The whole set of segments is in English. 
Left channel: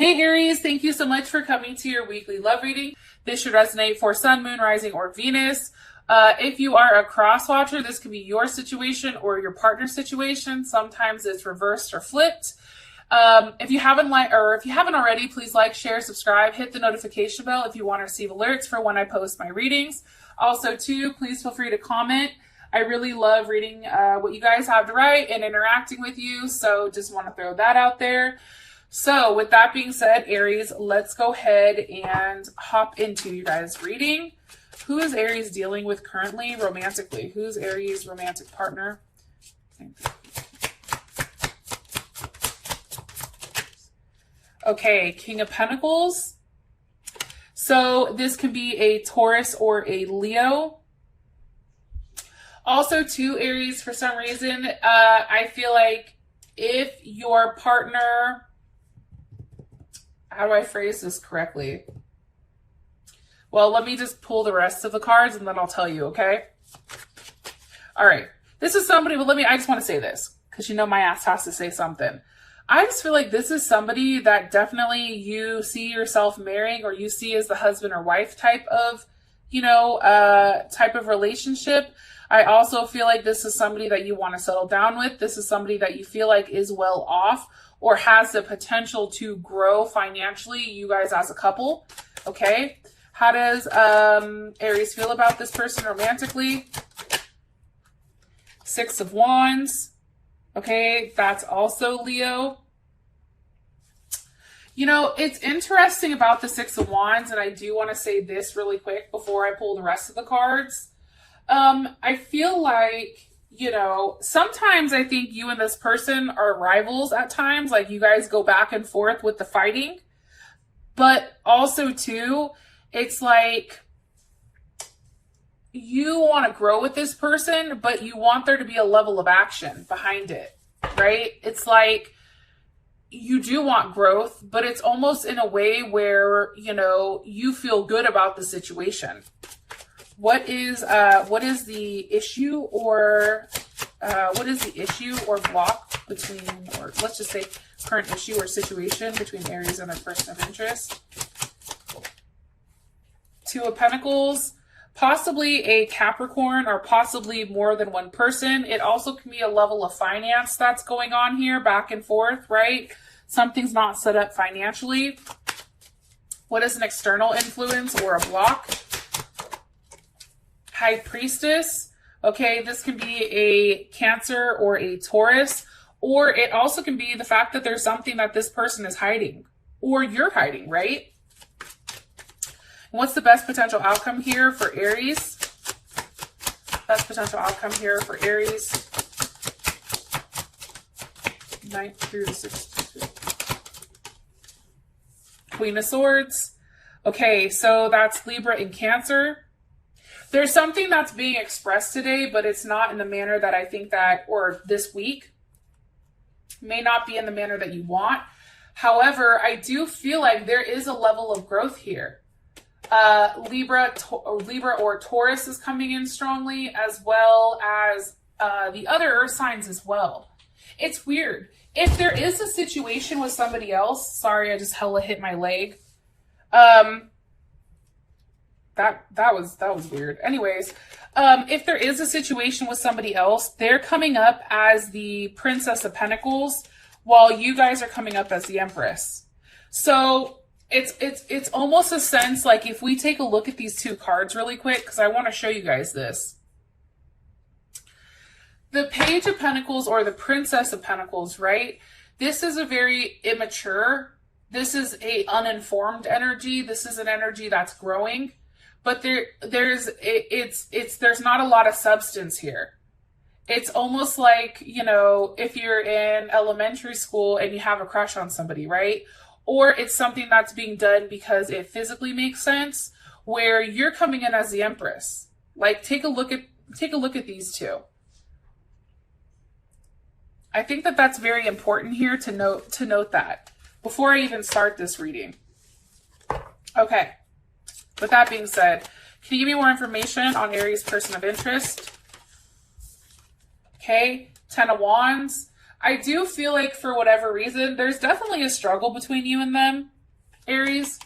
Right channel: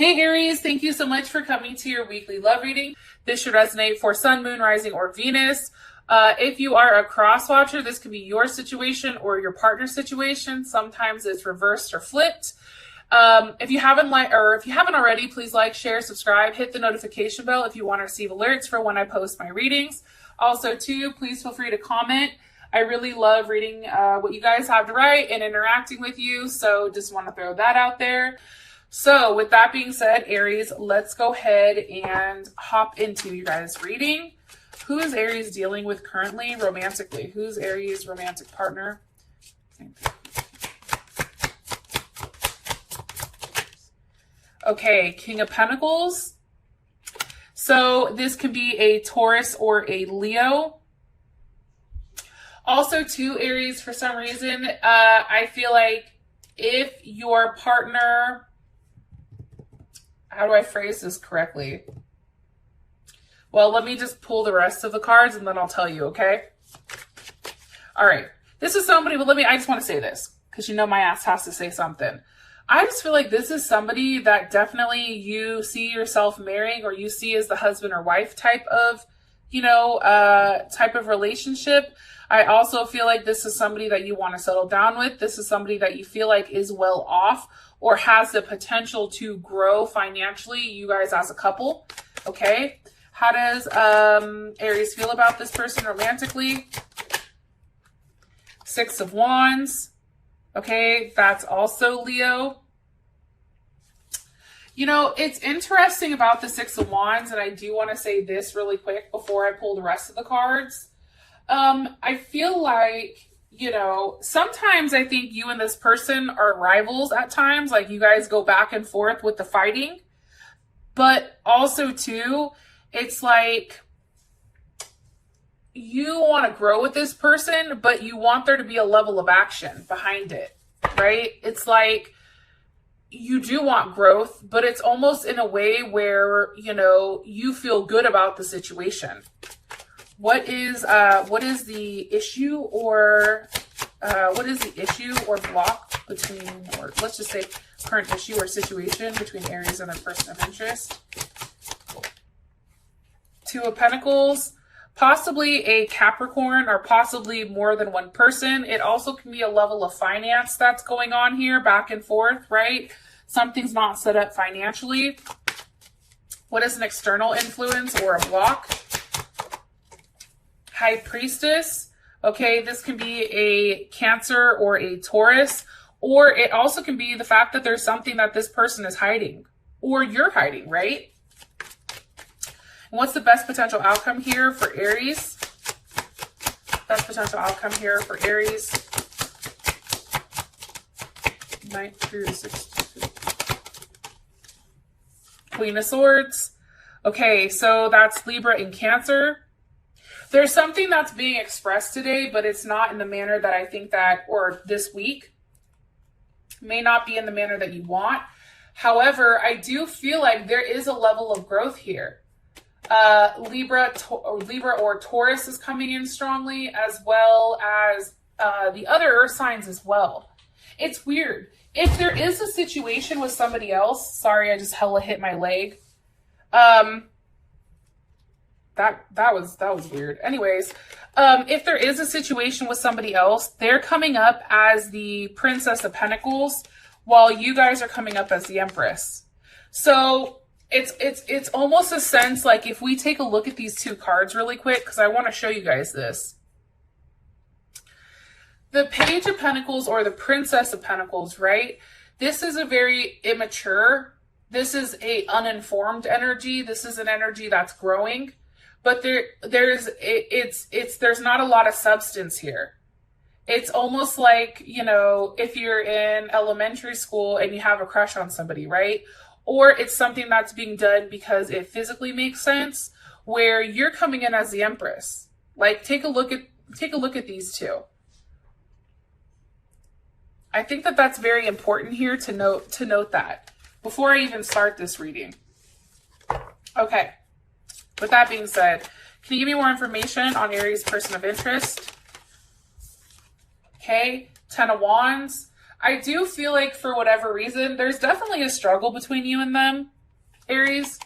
Hey Aries, thank you so much for coming to your weekly love reading. This should resonate for Sun, Moon, Rising, or Venus. If you are a cross watcher, this could be your situation or your partner's situation. Sometimes it's reversed or flipped. If you haven't already, please like, share, subscribe, hit the notification bell if you want to receive alerts for when I post my readings. Also, too, please feel free to comment. I really love reading what you guys have to write and interacting with you. So just want to throw that out there. So with that being said, Aries, let's go ahead and hop into you guys' reading. Who is Aries dealing with currently romantically? Who's Aries' romantic partner? Okay, King of Pentacles. So this can be a Taurus or a Leo. Also, too, Aries, for some reason, I feel like if your partner... How do I phrase this correctly? Well, let me just pull the rest of the cards and then I'll tell you, okay? All right. This is somebody, but I just want to say this because you know my ass has to say something. I just feel like this is somebody that definitely you see yourself marrying or you see as the husband or wife type of, type of relationship. I also feel like this is somebody that you want to settle down with. This is somebody that you feel like is well off or has the potential to grow financially, you guys as a couple, okay? How does Aries feel about this person romantically? Six of Wands, okay? That's also Leo. You know, it's interesting about the Six of Wands, and I do want to say this really quick before I pull the rest of the cards. I feel like, sometimes I think you and this person are rivals at times. Like you guys go back and forth with the fighting. But also, too, it's like you want to grow with this person, but you want there to be a level of action behind it, right? It's like you do want growth, but it's almost in a way where, you feel good about the situation. What is the issue or block between, or let's just say current issue or situation between Aries and a person of interest? Two of Pentacles, possibly a Capricorn or possibly more than one person. It also can be a level of finance that's going on here, back and forth, right? Something's not set up financially. What is an external influence or a block? High Priestess. Okay, this can be a Cancer or a Taurus, or it also can be the fact that there's something that this person is hiding or you're hiding, right? And what's the best potential outcome here for Aries? Best potential outcome here for Aries. 9 through 16. Queen of Swords. Okay, so that's Libra and Cancer. There's something that's being expressed today, but it's not in the manner that I think that, or this week, may not be in the manner that you want. However, I do feel like there is a level of growth here. Libra or Taurus is coming in strongly, as well as the other earth signs as well. It's weird. If there is a situation with somebody else, sorry, I just hella hit my leg. That was weird. Anyways, if there is a situation with somebody else, they're coming up as the Princess of Pentacles, while you guys are coming up as the Empress. So it's almost a sense like if we take a look at these two cards really quick, because I want to show you guys this. The Page of Pentacles or the Princess of Pentacles, right? This is a very immature, this is a uninformed energy. This is an energy that's growing. But there's not a lot of substance here. It's almost like, if you're in elementary school and you have a crush on somebody, right? Or it's something that's being done because it physically makes sense, where you're coming in as the Empress. Like take a look at these two. I think that that's very important here to note that before I even start this reading. Okay. With that being said, can you give me more information on Aries' person of interest? Okay, 10 of Wands. I do feel like for whatever reason, there's definitely a struggle between you and them, Aries.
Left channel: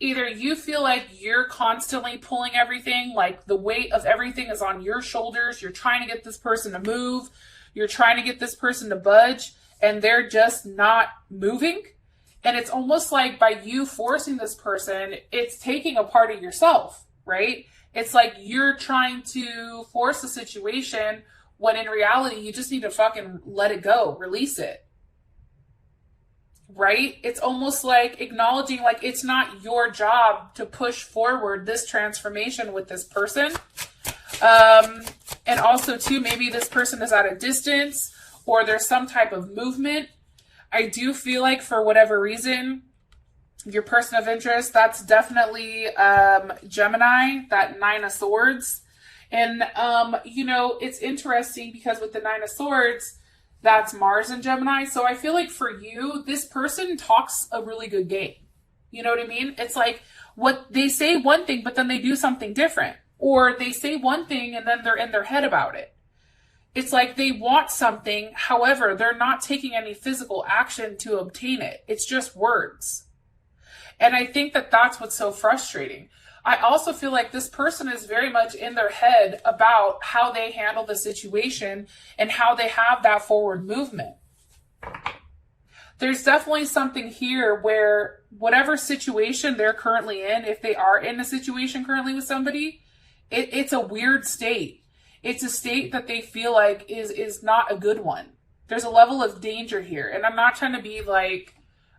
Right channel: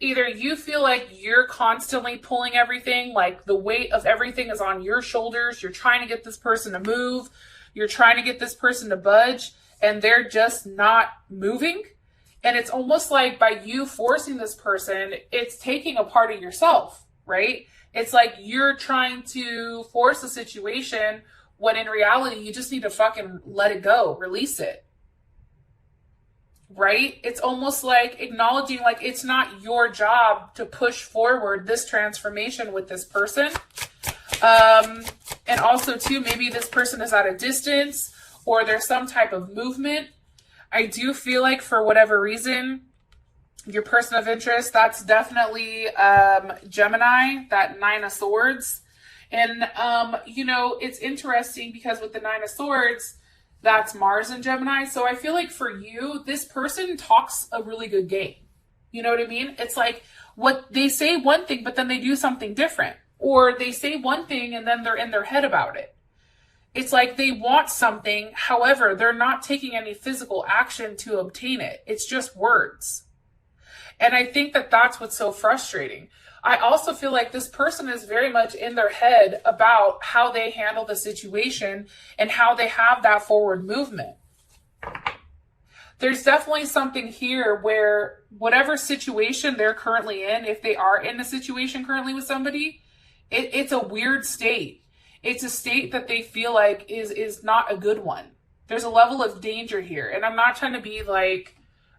Either you feel like you're constantly pulling everything, like the weight of everything is on your shoulders. You're trying to get this person to move. You're trying to get this person to budge, and they're just not moving. And it's almost like by you forcing this person, it's taking a part of yourself, right? It's like you're trying to force a situation when in reality, you just need to fucking let it go, release it. Right? It's almost like acknowledging like it's not your job to push forward this transformation with this person. And also too, maybe this person is at a distance or there's some type of movement. I do feel like for whatever reason, your person of interest, that's definitely Gemini, that Nine of Swords. And, you know, it's interesting because with the Nine of Swords, that's Mars and Gemini. So I feel like for you, this person talks a really good game. You know what I mean? It's like what they say one thing, but then they do something different. Or they say one thing and then they're in their head about it. It's like they want something. However, they're not taking any physical action to obtain it. It's just words. And I think that that's what's so frustrating. I also feel like this person is very much in their head about how they handle the situation and how they have that forward movement. There's definitely something here where whatever situation they're currently in, if they are in a situation currently with somebody, it's a weird state. It's a state that they feel like is not a good one. There's a level of danger here. And I'm not trying to be like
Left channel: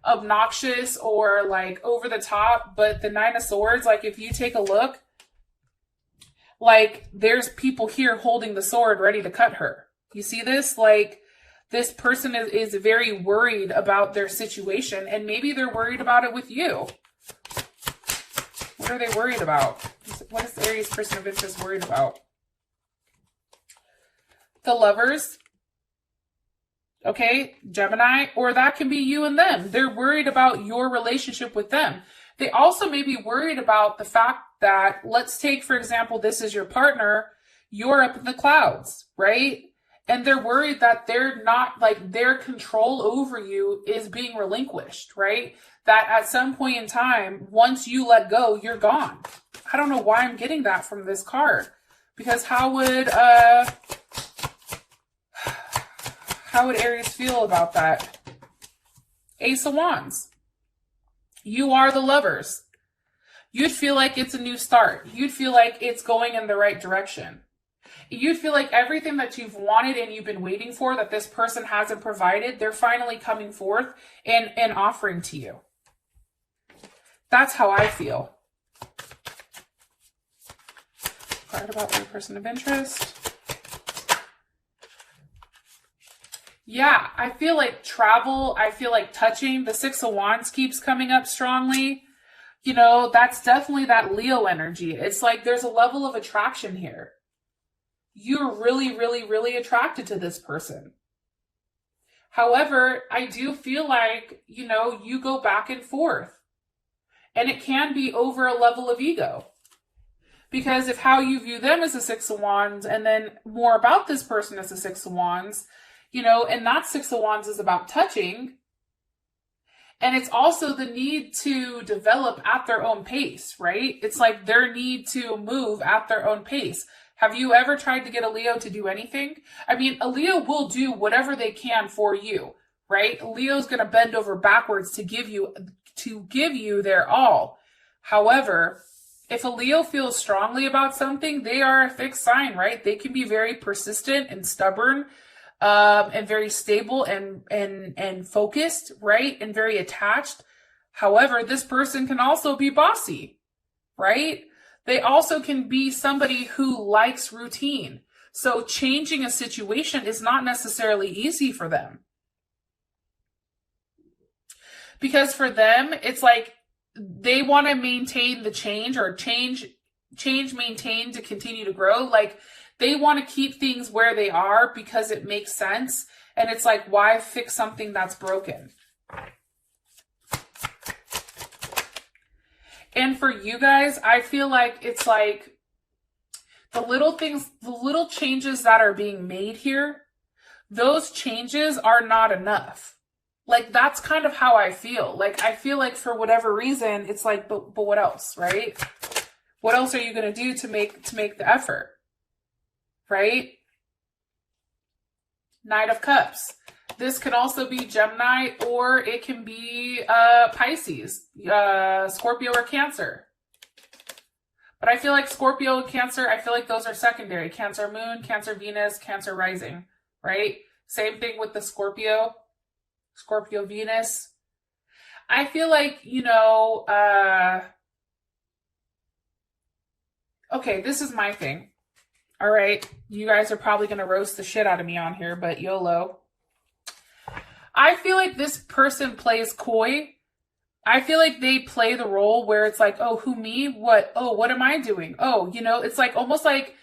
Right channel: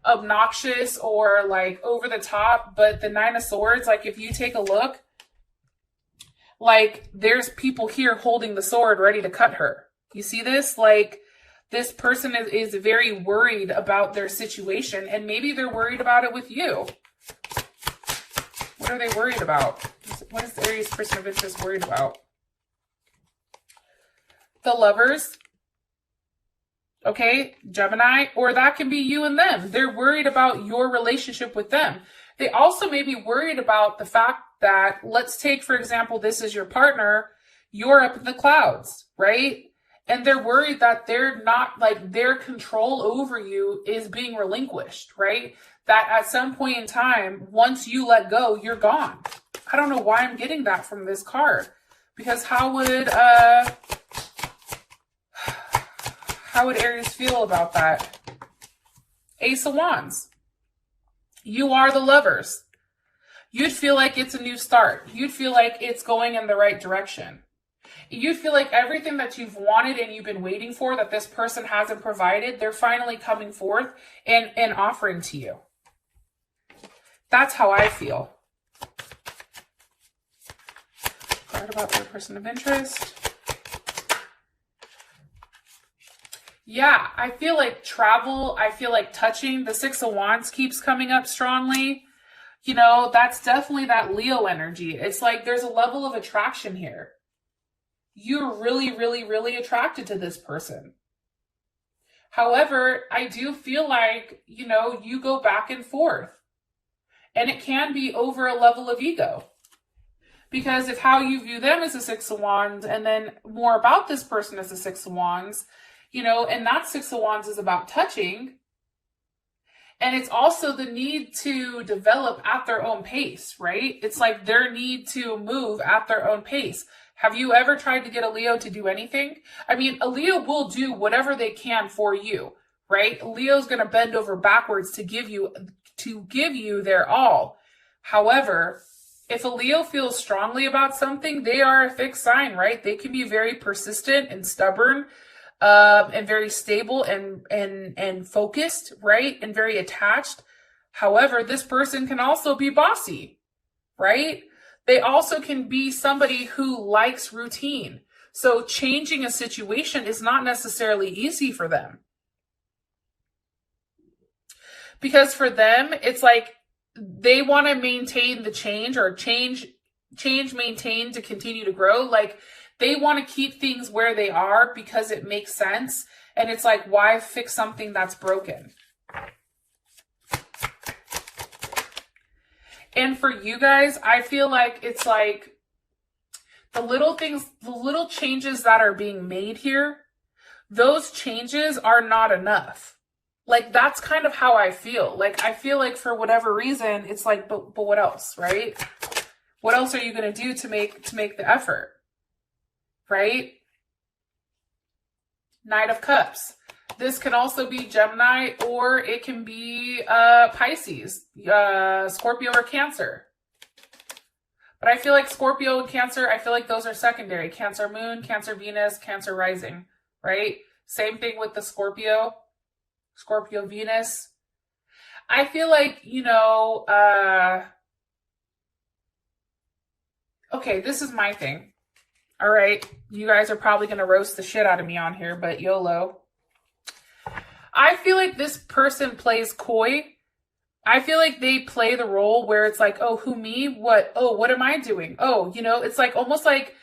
obnoxious or like over the top, but the Nine of Swords, like if you take a look, like there's people here holding the sword ready to cut her. You see this? Like this person is very worried about their situation, and maybe they're worried about it with you. What are they worried about? What is the Aries person of interest worried about? The Lovers. Okay, Gemini, or that can be you and them. They're worried about your relationship with them. They also may be worried about the fact that, let's take, for example, this is your partner, you're up in the clouds, right? And they're worried that they're not, like, their control over you is being relinquished, right? That at some point in time, once you let go, you're gone. I don't know why I'm getting that from this card. Because how would Aries feel about that? Ace of Wands. You are the Lovers. You'd feel like it's a new start. You'd feel like it's going in the right direction. You'd feel like everything that you've wanted and you've been waiting for that this person hasn't provided, they're finally coming forth and offering to you. That's how I feel. Card about your person of interest. Yeah, I feel like travel, I feel like touching. The Six of Wands keeps coming up strongly. You know, that's definitely that Leo energy. It's like there's a level of attraction here. You're really, really, really attracted to this person. However, I do feel like, you know, you go back and forth. And it can be over a level of ego. Because if how you view them as a Six of Wands and then more about this person as a Six of Wands, you know, and that Six of Wands is about touching. And it's also the need to develop at their own pace, right? It's like their need to move at their own pace. Have you ever tried to get a Leo to do anything? I mean, a Leo will do whatever they can for you, right? Leo's going to bend over backwards to give you their all. However, if a Leo feels strongly about something, they are a fixed sign, right? They can be very persistent and stubborn, and very stable and focused, right? And very attached. However, this person can also be bossy, right? They also can be somebody who likes routine. So changing a situation is not necessarily easy for them. Because for them, it's like they want to maintain the change or change, maintain to continue to grow. Like they want to keep things where they are because it makes sense. And it's like, why fix something that's broken? And for you guys, I feel like it's like the little things, the little changes that are being made here, those changes are not enough. Like, that's kind of how I feel. Like, I feel like for whatever reason, it's like, but what else, right? What else are you going to do to make the effort, right? Knight of Cups. This can also be Gemini, or it can be Pisces, Scorpio, or Cancer. But I feel like Scorpio and Cancer, I feel like those are secondary. Cancer Moon, Cancer Venus, Cancer Rising, right? Same thing with the Scorpio Venus. I feel like, you know, okay, this is my thing. All right, you guys are probably going to roast the shit out of me on here, but YOLO. I feel like this person plays coy. I feel like they play the role where it's like, oh, who, me? What? Oh, what am I doing? Oh, you know, it's like almost like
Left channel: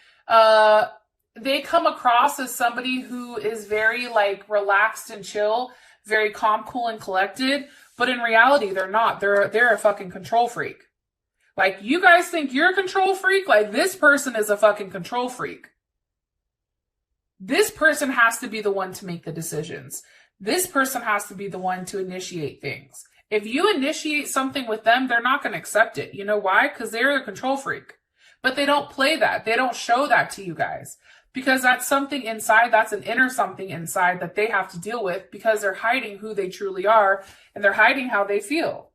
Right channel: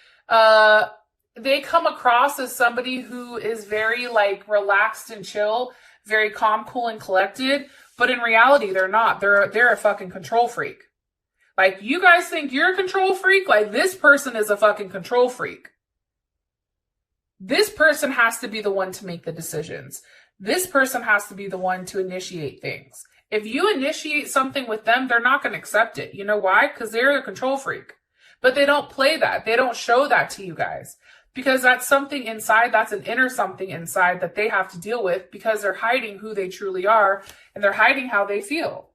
they come across as somebody who is very like relaxed and chill, very calm, cool, and collected. But in reality, they're not. They're a fucking control freak. Like, you guys think you're a control freak? Like, this person is a fucking control freak. This person has to be the one to make the decisions. This person has to be the one to initiate things. If you initiate something with them, they're not going to accept it. You know why? Because they're a control freak. But they don't play that. They don't show that to you guys. Because that's something inside, that's an inner something inside that they have to deal with, because they're hiding who they truly are, and they're hiding how they feel.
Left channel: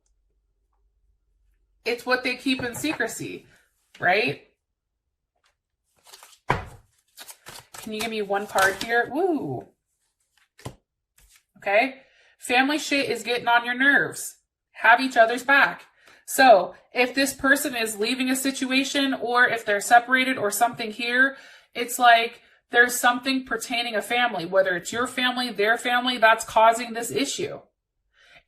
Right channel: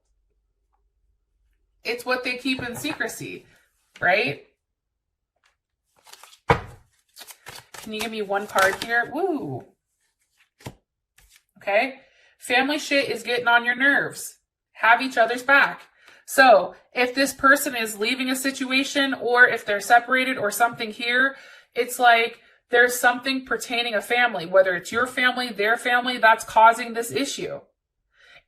It's what they keep in secrecy, right? Can you give me one card here? Woo! Okay. Family shit is getting on your nerves. Have each other's back. So if this person is leaving a situation, or if they're separated or something here, it's like there's something pertaining a family, whether it's your family, their family, that's causing this issue.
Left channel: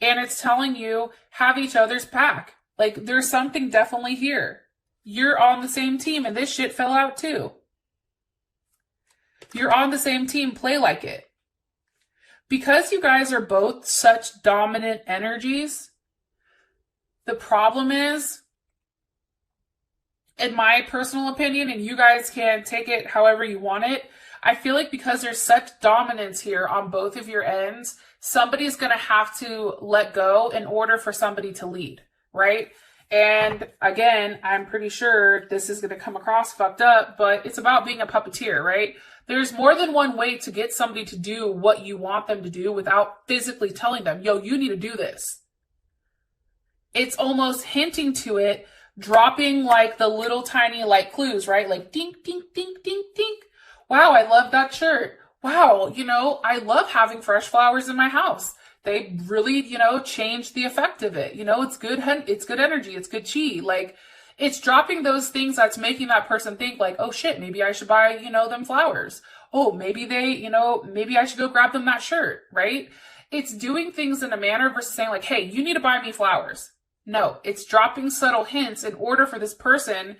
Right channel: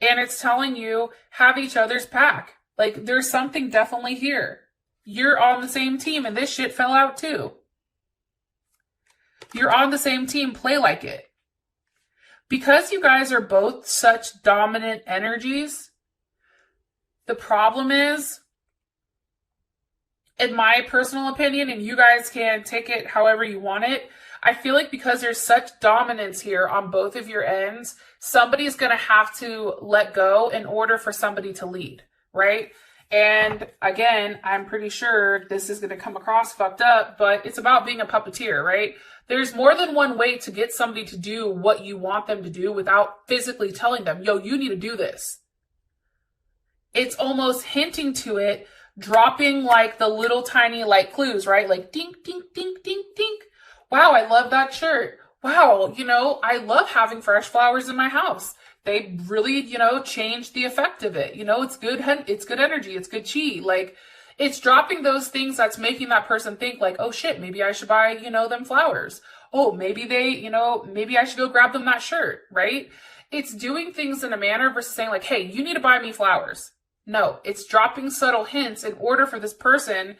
And it's telling you, have each other's back. Like, there's something definitely here. You're on the same team, and this shit fell out too. You're on the same team, play like it. Because you guys are both such dominant energies, the problem is, in my personal opinion, and you guys can take it however you want it, I feel like because there's such dominance here on both of your ends, somebody's going to have to let go in order for somebody to lead, right? And again, I'm pretty sure this is going to come across fucked up, but it's about being a puppeteer, right? There's more than one way to get somebody to do what you want them to do without physically telling them, yo, you need to do this. It's almost hinting to it, dropping like the little tiny like clues, right? Like dink, dink, dink, dink, dink. Wow, I love that shirt. Wow, you know, I love having fresh flowers in my house. They really, you know, change the effect of it. You know, it's good energy, it's good chi. Like, it's dropping those things that's making that person think like, oh shit, maybe I should buy, you know, them flowers. Oh, maybe they, you know, maybe I should go grab them that shirt, right? It's doing things in a manner versus saying like, hey, you need to buy me flowers. No, it's dropping subtle hints in order for this person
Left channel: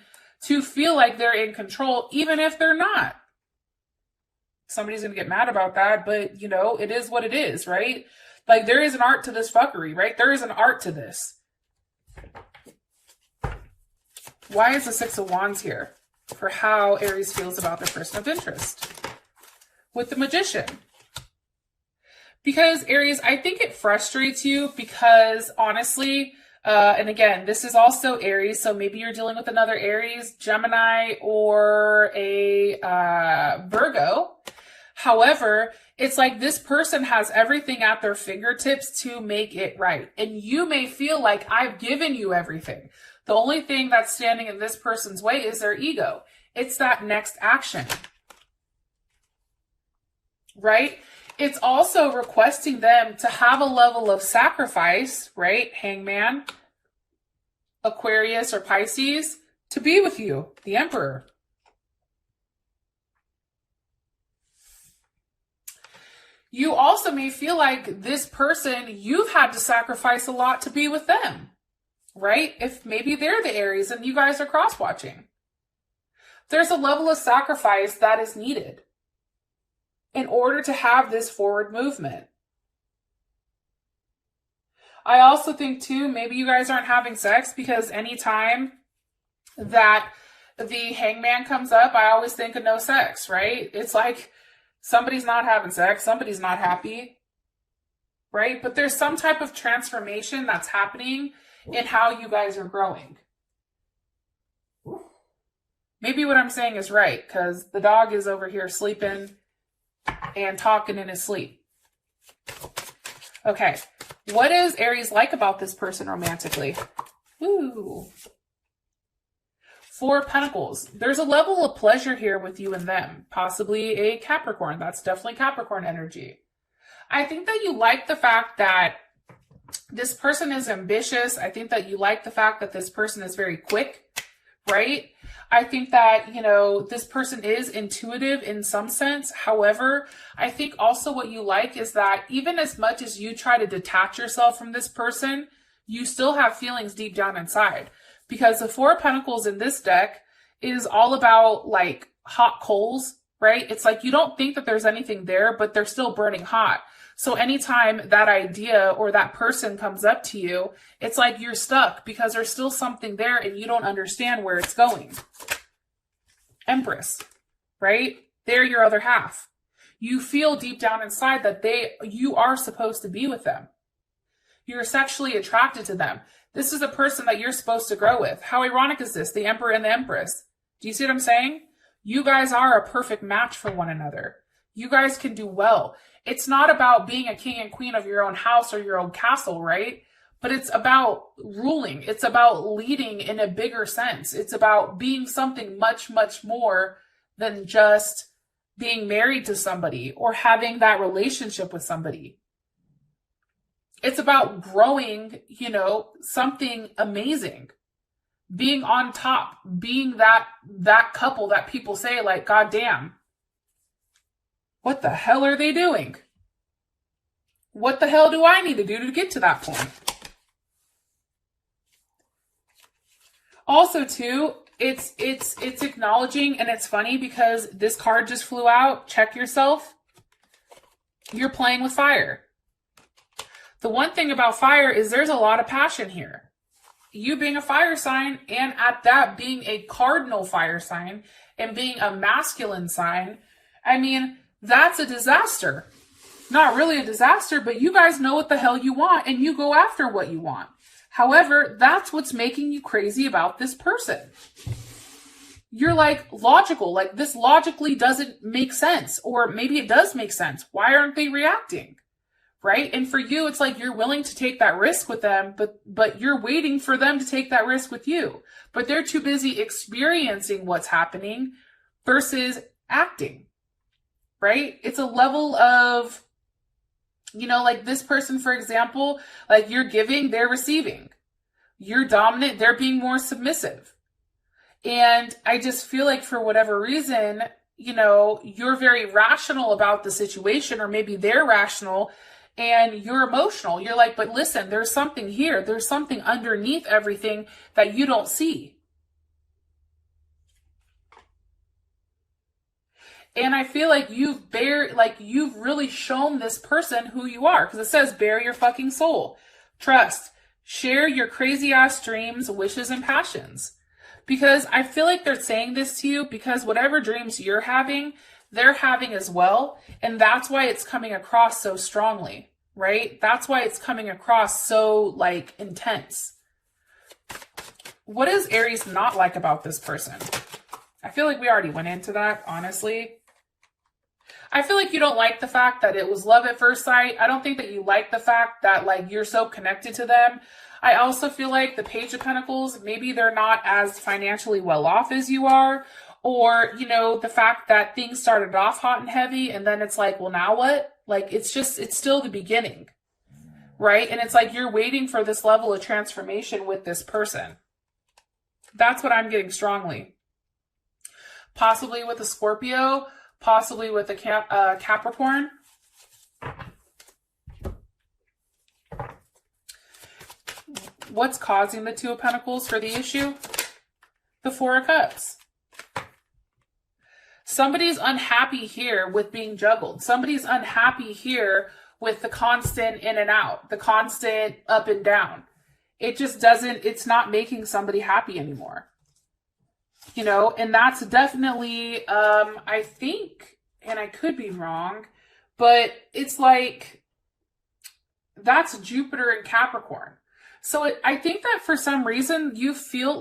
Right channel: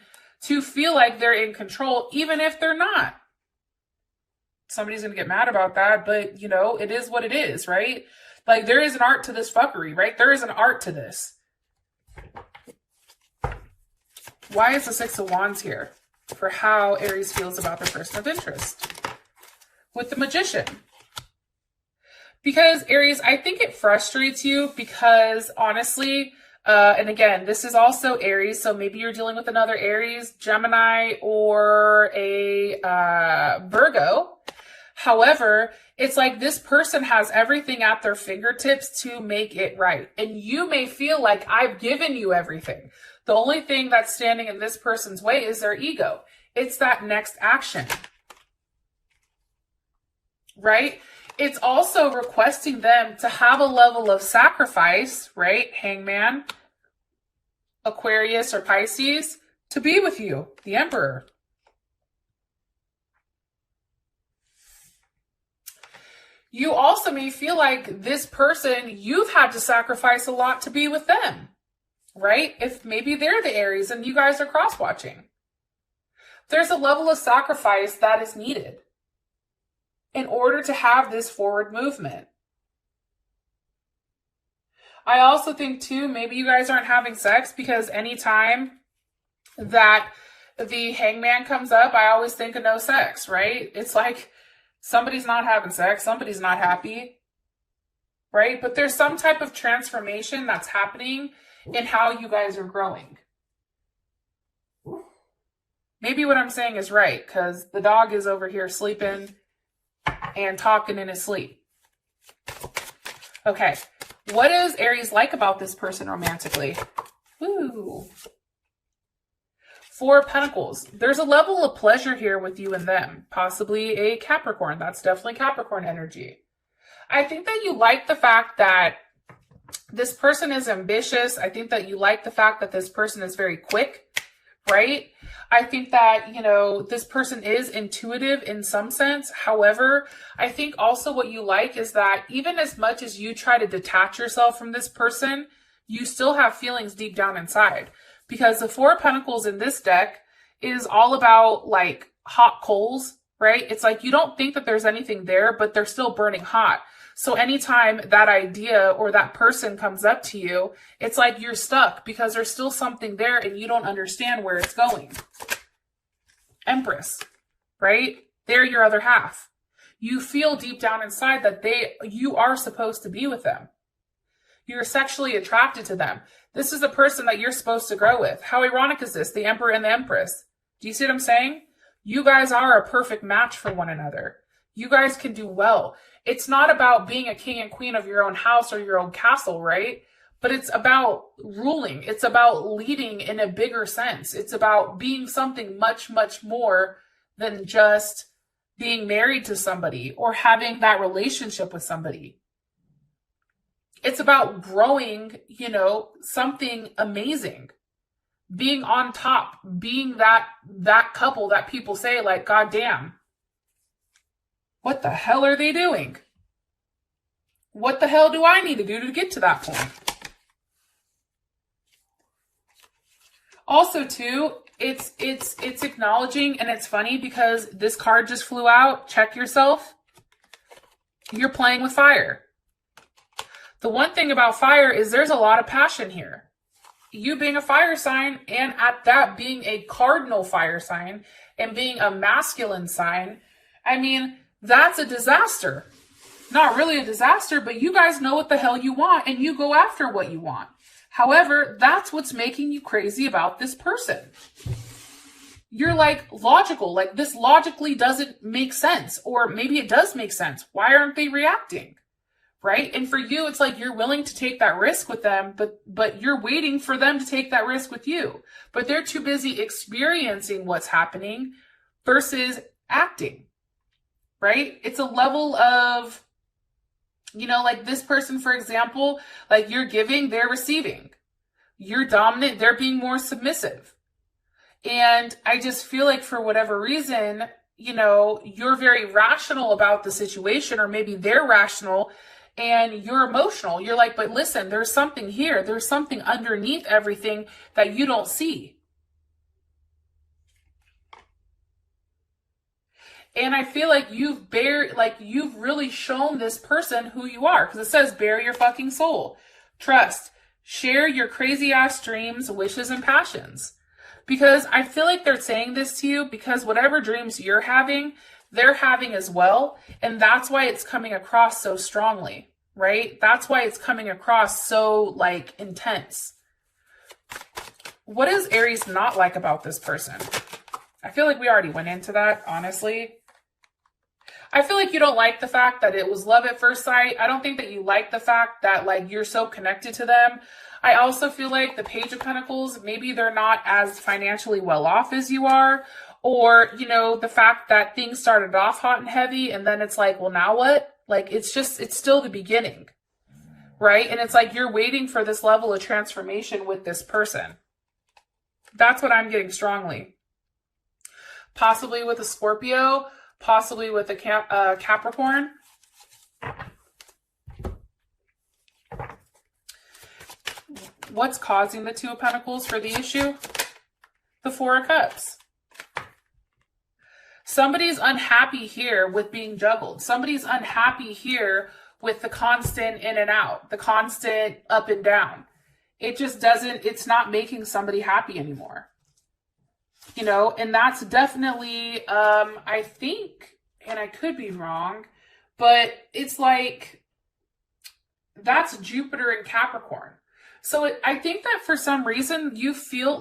to feel like they're in control, even if they're not. Somebody's going to get mad about that, but, you know, it is what it is, right? Like, there is an art to this fuckery, right? There is an art to this. Why is the Six of Wands here? For how Aries feels about their person of interest. With the Magician. Because, Aries, I think it frustrates you because, honestly, and again, this is also Aries, so maybe you're dealing with another Aries, Gemini, or a Virgo. However, it's like this person has everything at their fingertips to make it right. And you may feel like I've given you everything. The only thing that's standing in this person's way is their ego. It's that next action. Right? It's also requesting them to have a level of sacrifice, right? Hangman, Aquarius, or Pisces, to be with you, the Emperor. You also may feel like this person, you've had to sacrifice a lot to be with them, right? If maybe they're the Aries and you guys are cross-watching. There's a level of sacrifice that is needed in order to have this forward movement. I also think too, maybe you guys aren't having sex because anytime that the Hangman comes up, I always think of no sex, right? It's like Somebody's not having sex. Somebody's not happy, right? But there's some type of transformation that's happening in how you guys are growing. Maybe what I'm saying is right, because the dog is over here sleeping and talking in his sleep. Okay, what is Aries like about this person romantically? Woo. 4 of Pentacles. There's a level of pleasure here with you and them. Possibly a Capricorn. That's definitely Capricorn energy. I think that you like the fact that this person is ambitious. I think that you like the fact that this person is very quick, right? I think that, you know, this person is intuitive in some sense. However, I think also what you like is that even as much as you try to detach yourself from this person, you still have feelings deep down inside. Because the 4 of Pentacles in this deck is all about like hot coals, right? It's like you don't think that there's anything there, but they're still burning hot. So anytime that idea or that person comes up to you, it's like you're stuck because there's still something there and you don't understand where it's going. Empress, right? They're your other half. You feel deep down inside that you are supposed to be with them. You're sexually attracted to them. This is the person that you're supposed to grow with. How ironic is this? The Emperor and the Empress. Do you see what I'm saying? You guys are a perfect match for one another. You guys can do well. It's not about being a king and queen of your own house or your own castle, right? But it's about ruling. It's about leading in a bigger sense. It's about being something much, much more than just being married to somebody or having that relationship with somebody. It's about growing, you know, something amazing. Being on top, being that couple that people say like, God damn, what the hell are they doing? What the hell do I need to do to get to that point? Also, too, it's acknowledging, and it's funny because this card just flew out. Check yourself. You're playing with fire. The one thing about fire is there's a lot of passion here. You being a fire sign, and at that being a cardinal fire sign, and being a masculine sign, I mean, that's a disaster. Not really a disaster, but you guys know what the hell you want, and you go after what you want. However, that's what's making you crazy about this person. You're like logical, like this logically doesn't make sense, or maybe it does make sense. Why aren't they reacting? Right? And for you, it's like you're willing to take that risk with them, but you're waiting for them to take that risk with you. But they're too busy experiencing what's happening versus acting. Right? It's a level of, you know, like this person, for example, like you're giving, they're receiving. You're dominant, they're being more submissive. And I just feel like for whatever reason, you know, you're very rational about the situation, or maybe they're rational and you're emotional. You're like, but listen, there's something here. There's something underneath everything that you don't see. And I feel like you've really shown this person who you are, because it says bare your fucking soul. Trust. Share your crazy ass dreams, wishes, and passions. Because I feel like they're saying this to you because whatever dreams you're having, they're having as well. And that's why it's coming across so strongly, right? That's why it's coming across so like intense. What is Aries not like about this person? I feel like we already went into that, honestly. I feel like you don't like the fact that it was love at first sight. I don't think that you like the fact that like you're so connected to them. I also feel like the Page of Pentacles, maybe they're not as financially well off as you are. Or, you know, the fact that things started off hot and heavy and then it's like, well, now what? Like, it's still the beginning, right? And it's like you're waiting for this level of transformation with this person. That's what I'm getting strongly. Possibly with a Scorpio, possibly with a Capricorn. What's causing the Two of Pentacles for the issue? The Four of Cups. Somebody's unhappy here with being juggled. Somebody's unhappy here with the constant in and out, the constant up and down. It just doesn't, it's not making somebody happy anymore. You know, and that's definitely, I think and I could be wrong, but it's like, that's Jupiter and Capricorn. So I think that for some reason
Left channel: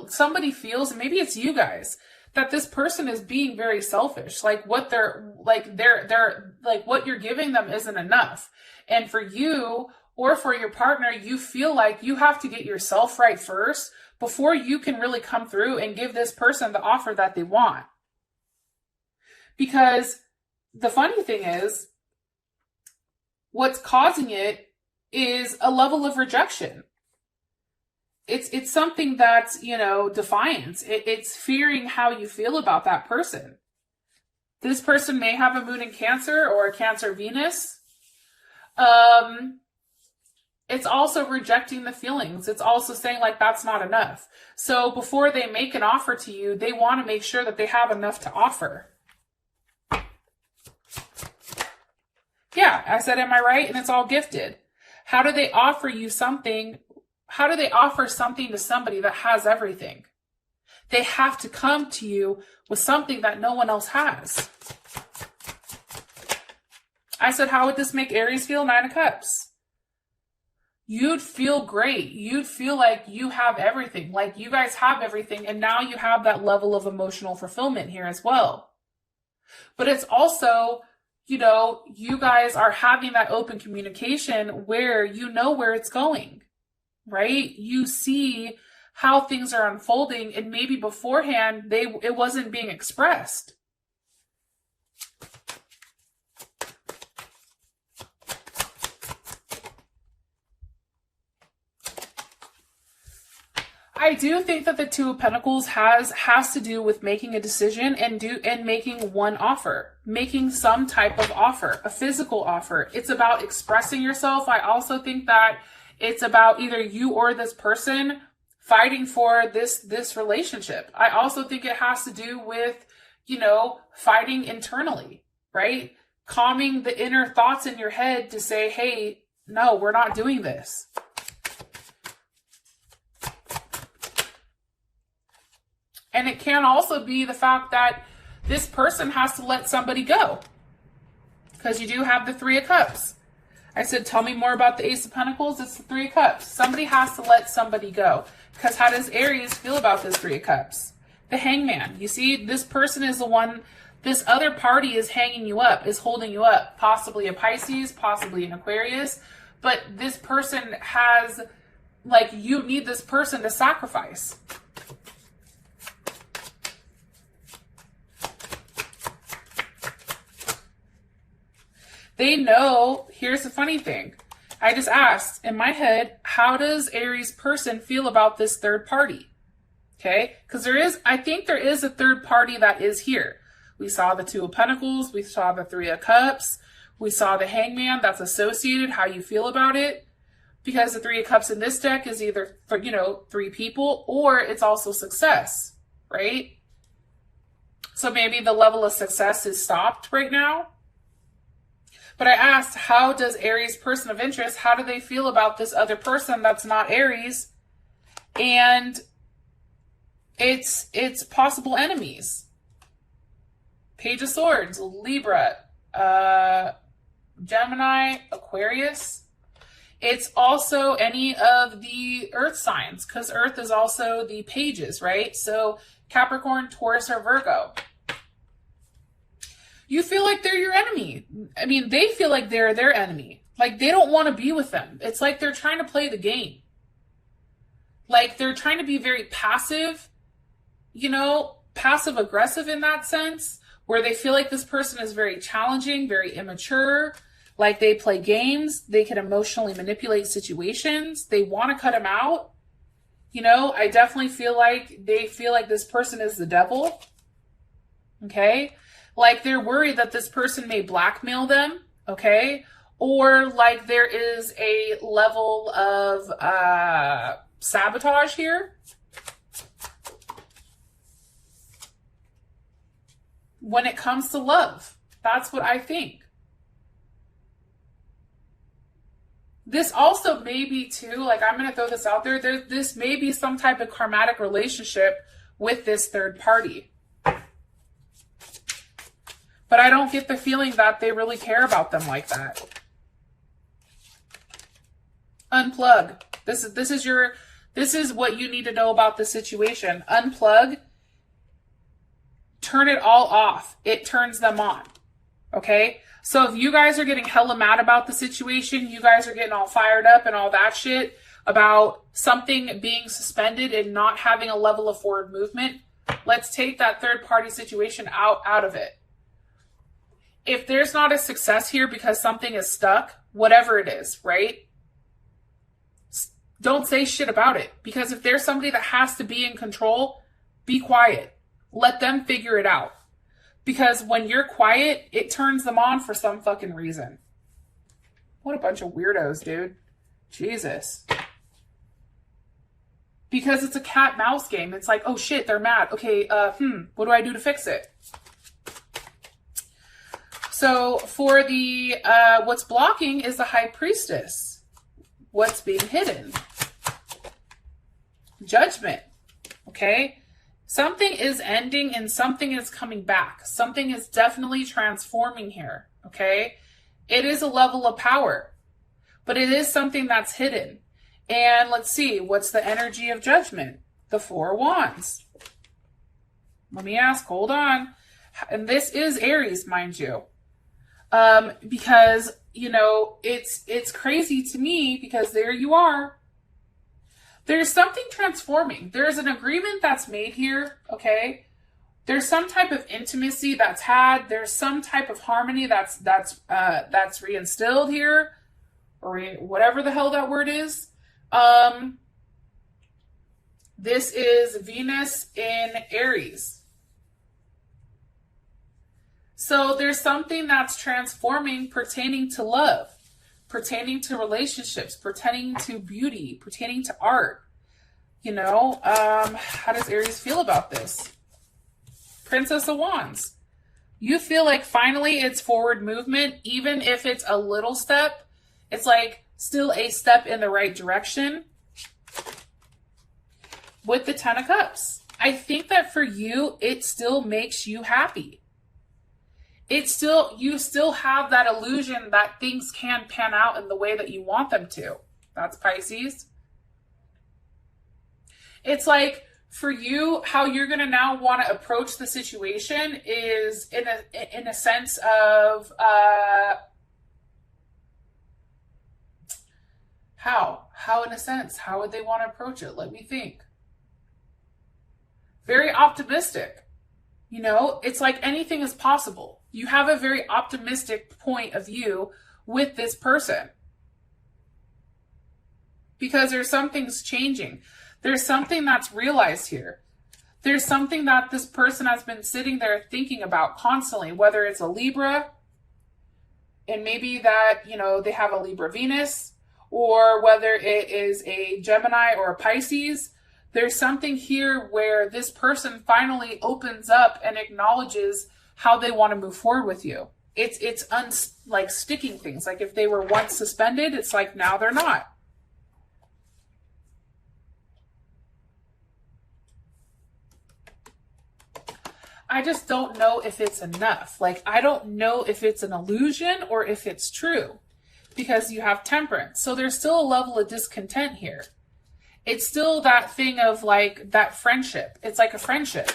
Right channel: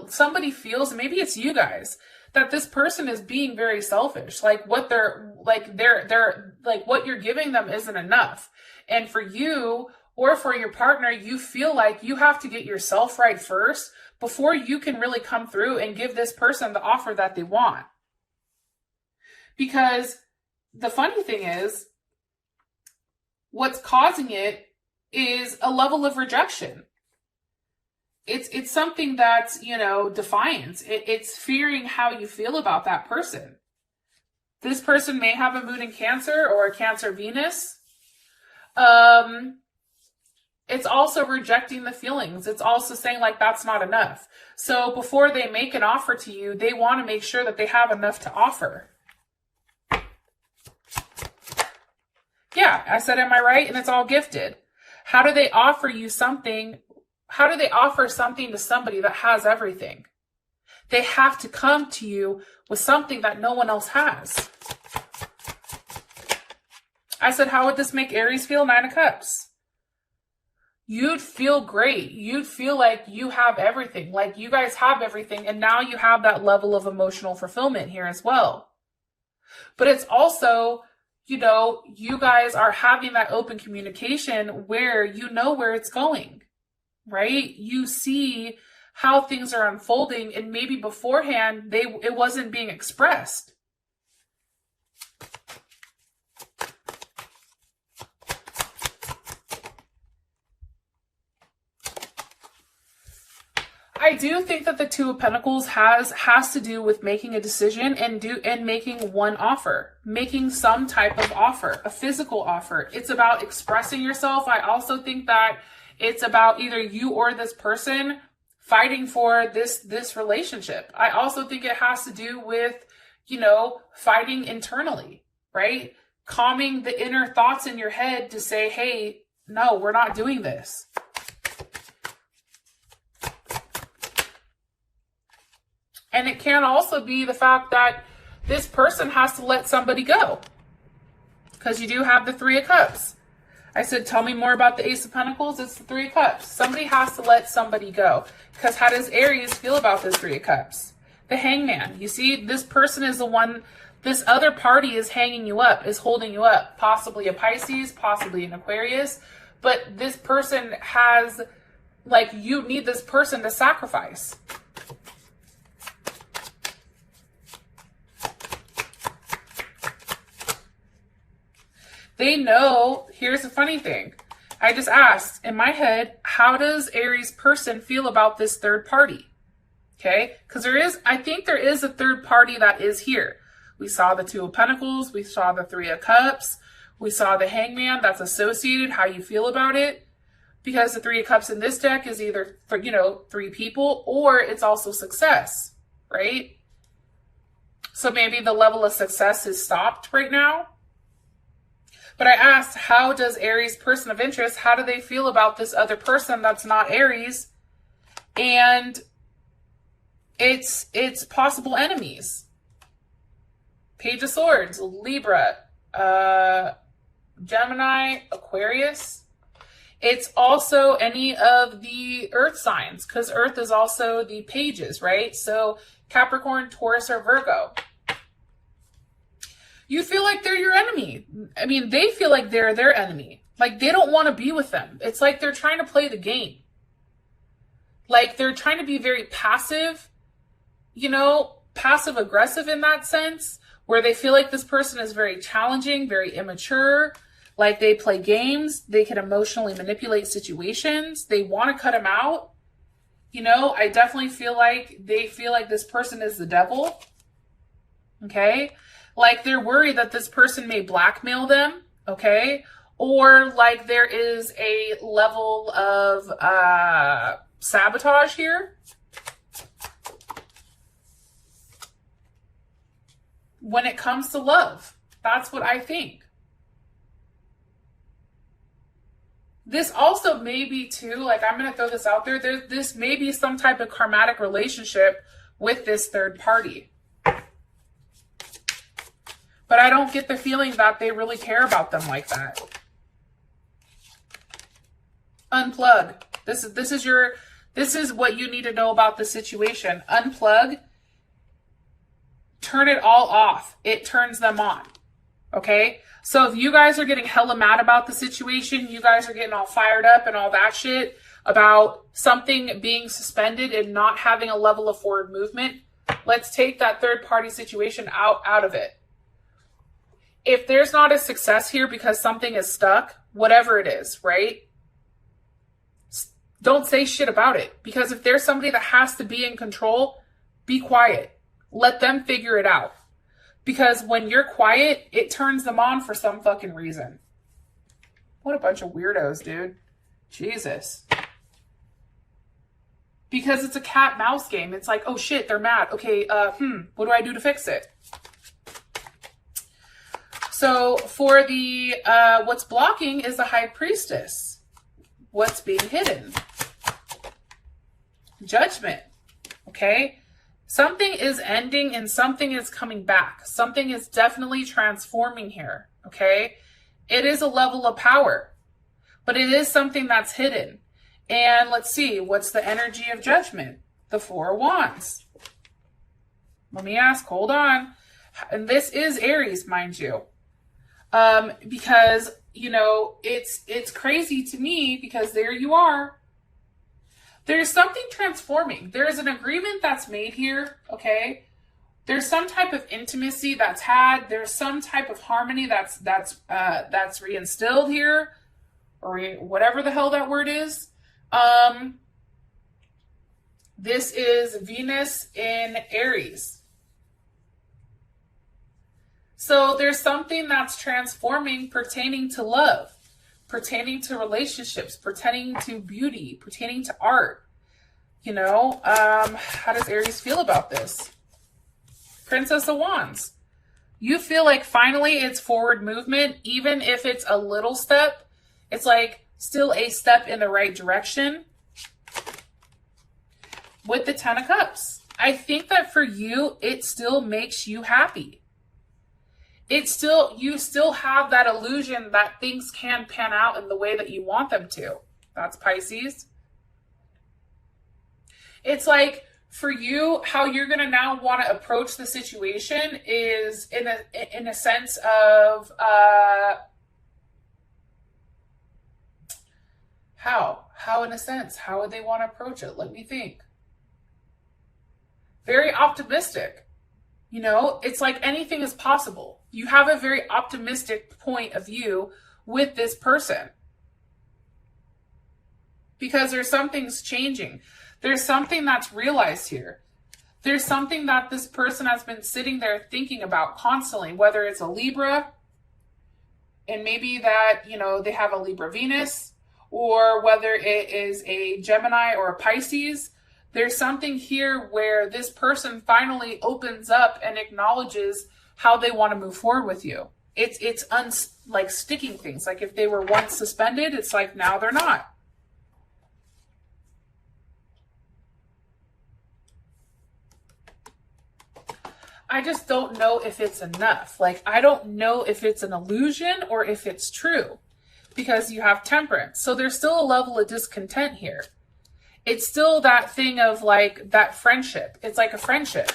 somebody feels, maybe it's you guys, that this person is being very selfish. Like what they're like what you're giving them isn't enough. And for you or for your partner, you feel like you have to get yourself right first before you can really come through and give this person the offer that they want. Because the funny thing is, what's causing it is a level of rejection. It's something that's, defiance. It's fearing how you feel about that person. This person may have a moon in Cancer or a Cancer Venus. It's also rejecting the feelings. It's also saying like, that's not enough. So before they make an offer to you, they want to make sure that they have enough to offer. Yeah, I said, am I right? And it's all gifted. How do they offer you something? How do they offer something to somebody that has everything? They have to come to you with something that no one else has. I said, how would this make Aries feel? 9 of Cups. You'd feel great. You'd feel like you have everything. Like you guys have everything. And now you have that level of emotional fulfillment here as well. But it's also, you guys are having that open communication where you know where it's going. Right? You see how things are unfolding, and maybe beforehand it wasn't being expressed. I do think that the Two of Pentacles has to do with making a decision and making one offer, making some type of offer, a physical offer. It's about expressing yourself. I also think that it's about either you or this person fighting for this relationship. I also think it has to do with, fighting internally, right? Calming the inner thoughts in your head to say, hey, no, we're not doing this. And it can also be the fact that this person has to let somebody go, because you do have the 3 of Cups. I said, tell me more about the Ace of Pentacles. It's the 3 of Cups. Somebody has to let somebody go. Because how does Aries feel about this 3 of Cups? The Hangman. You see, this person is the one, this other party is hanging you up, is holding you up. Possibly a Pisces, possibly an Aquarius. But this person has, you need this person to sacrifice. They know, here's the funny thing. I just asked, in my head, how does Aries person feel about this third party? Okay, because I think there is a third party that is here. We saw the 2 of Pentacles, we saw the 3 of Cups, we saw the Hangman that's associated, how you feel about it. Because the 3 of Cups in this deck is either, 3 people, or it's also success, right? So maybe the level of success is stopped right now. But I asked, how does Aries person of interest, how do they feel about this other person that's not Aries? And it's possible enemies. Page of Swords, Libra, Gemini, Aquarius. It's also any of the earth signs, because earth is also the pages, right? So Capricorn, Taurus, or Virgo. You feel like they're your enemy. I mean, they feel like they're their enemy. Like, they don't want to be with them. It's like they're trying to play the game. Like, they're trying to be very passive, passive aggressive in that sense, where they feel like this person is very challenging, very immature. Like, they play games. They can emotionally manipulate situations. They want to cut them out. I definitely feel like they feel like this person is the devil. Okay? Like, they're worried that this person may blackmail them, okay? Or like there is a level of sabotage here. When it comes to love, that's what I think. This also may be too, like, I'm going to throw this out there. This may be some type of karmatic relationship with this third party. but I don't get the feeling that they really care about them like that. Unplug. This is what you need to know about the situation. Unplug. Turn it all off. It turns them on. Okay? So if you guys are getting hella mad about the situation, you guys are getting all fired up and all that shit about something being suspended and not having a level of forward movement, let's take that third party situation out of it. If there's not a success here because something is stuck, whatever it is, right? Don't say shit about it. Because if there's somebody that has to be in control, be quiet. Let them figure it out. Because when you're quiet, it turns them on for some fucking reason. What a bunch of weirdos, dude. Jesus. Because it's a cat mouse game. It's like, oh shit, they're mad. Okay, what do I do to fix it? So for the, what's blocking is the High Priestess. What's being hidden? Judgment. Okay? Something is ending and something is coming back. Something is definitely transforming here. Okay? It is a level of power. But it is something that's hidden. And let's see, what's the energy of Judgment? The Four of Wands. Let me ask, hold on. And this is Aries, mind you. Because, you know, it's crazy to me because there you are. There's something transforming. There's an agreement that's made here, okay? There's some type of intimacy that's had. There's some type of harmony that's reinstilled here, or whatever the hell that word is. This is Venus in Aries. So there's something that's transforming pertaining to love, pertaining to relationships, pertaining to beauty, pertaining to art. You know, how does Aries feel about this? Princess of Wands. You feel like finally it's forward movement, even if it's a little step. It's like still a step in the right direction. With the Ten of Cups. I think that for you, it still makes you happy. You still have that illusion that things can pan out in the way that you want them to. That's Pisces. It's like for you, how you're going to now want to approach the situation is in a sense of how in a sense, how would they want to approach it? Let me think. Very optimistic. You know, it's like anything is possible. You have a very optimistic point of view with this person. Because there's something's changing. There's something that's realized here. There's something that this person has been sitting there thinking about constantly, whether it's a Libra, and maybe that, you know, they have a Libra Venus, or whether it is a Gemini or a Pisces. There's something here where this person finally opens up and acknowledges how they want to move forward with you. It's like sticking things. Like if they were once suspended, it's like now they're not. I just don't know if it's enough. Like, I don't know if it's an illusion or if it's true. Because you have Temperance. So there's still a level of discontent here. It's still that thing of like that friendship. It's like a friendship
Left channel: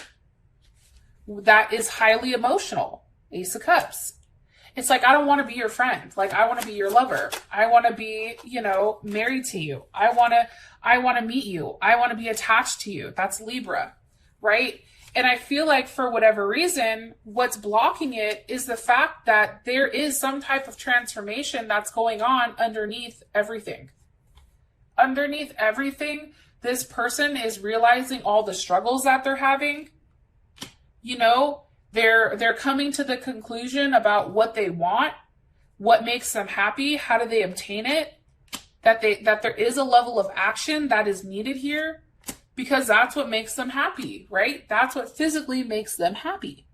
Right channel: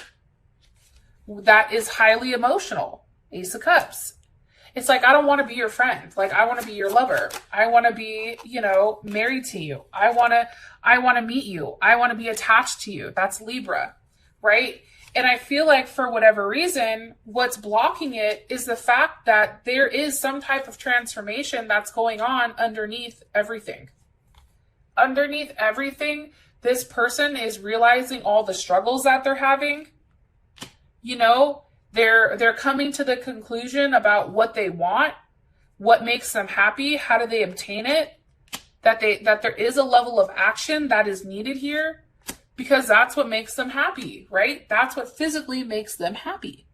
that is highly emotional. Ace of Cups. It's like, I don't want to be your friend. Like, I want to be your lover. I want to be, you know, married to you. I want to meet you. I want to be attached to you. That's Libra, right? And I feel like for whatever reason, what's blocking it is the fact that there is some type of transformation that's going on underneath everything. Underneath everything, this person is realizing all the struggles that they're having. You know, they're coming to the conclusion about what they want, what makes them happy, how do they obtain it, that there is a level of action that is needed here, because that's what makes them happy, right? That's what physically makes them happy.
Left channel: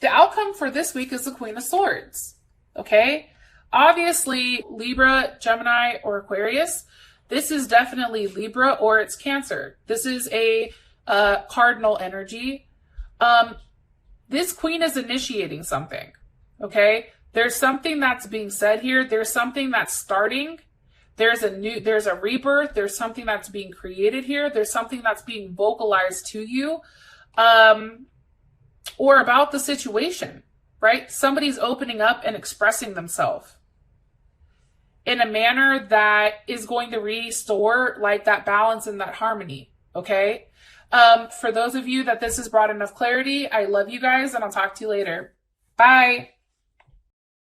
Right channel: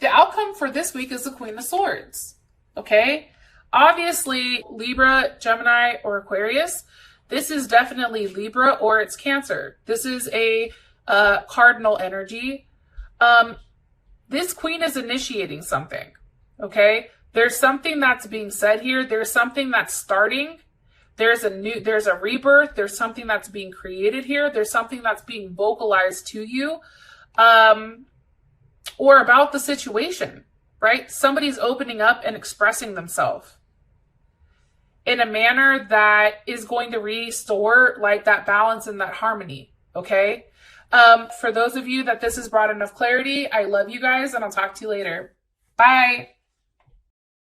The outcome for this week is the Queen of Swords, okay? Obviously, Libra, Gemini, or Aquarius, this is definitely Libra or it's Cancer. This is a cardinal energy. This queen is initiating something, okay? There's something that's being said here. There's something that's starting. There's a rebirth. There's something that's being created here. There's something that's being vocalized to you, or about the situation, right? Somebody's opening up and expressing themselves in a manner that is going to restore like that balance and that harmony, okay? For those of you that this has brought enough clarity, I love you guys, and I'll talk to you later. Bye.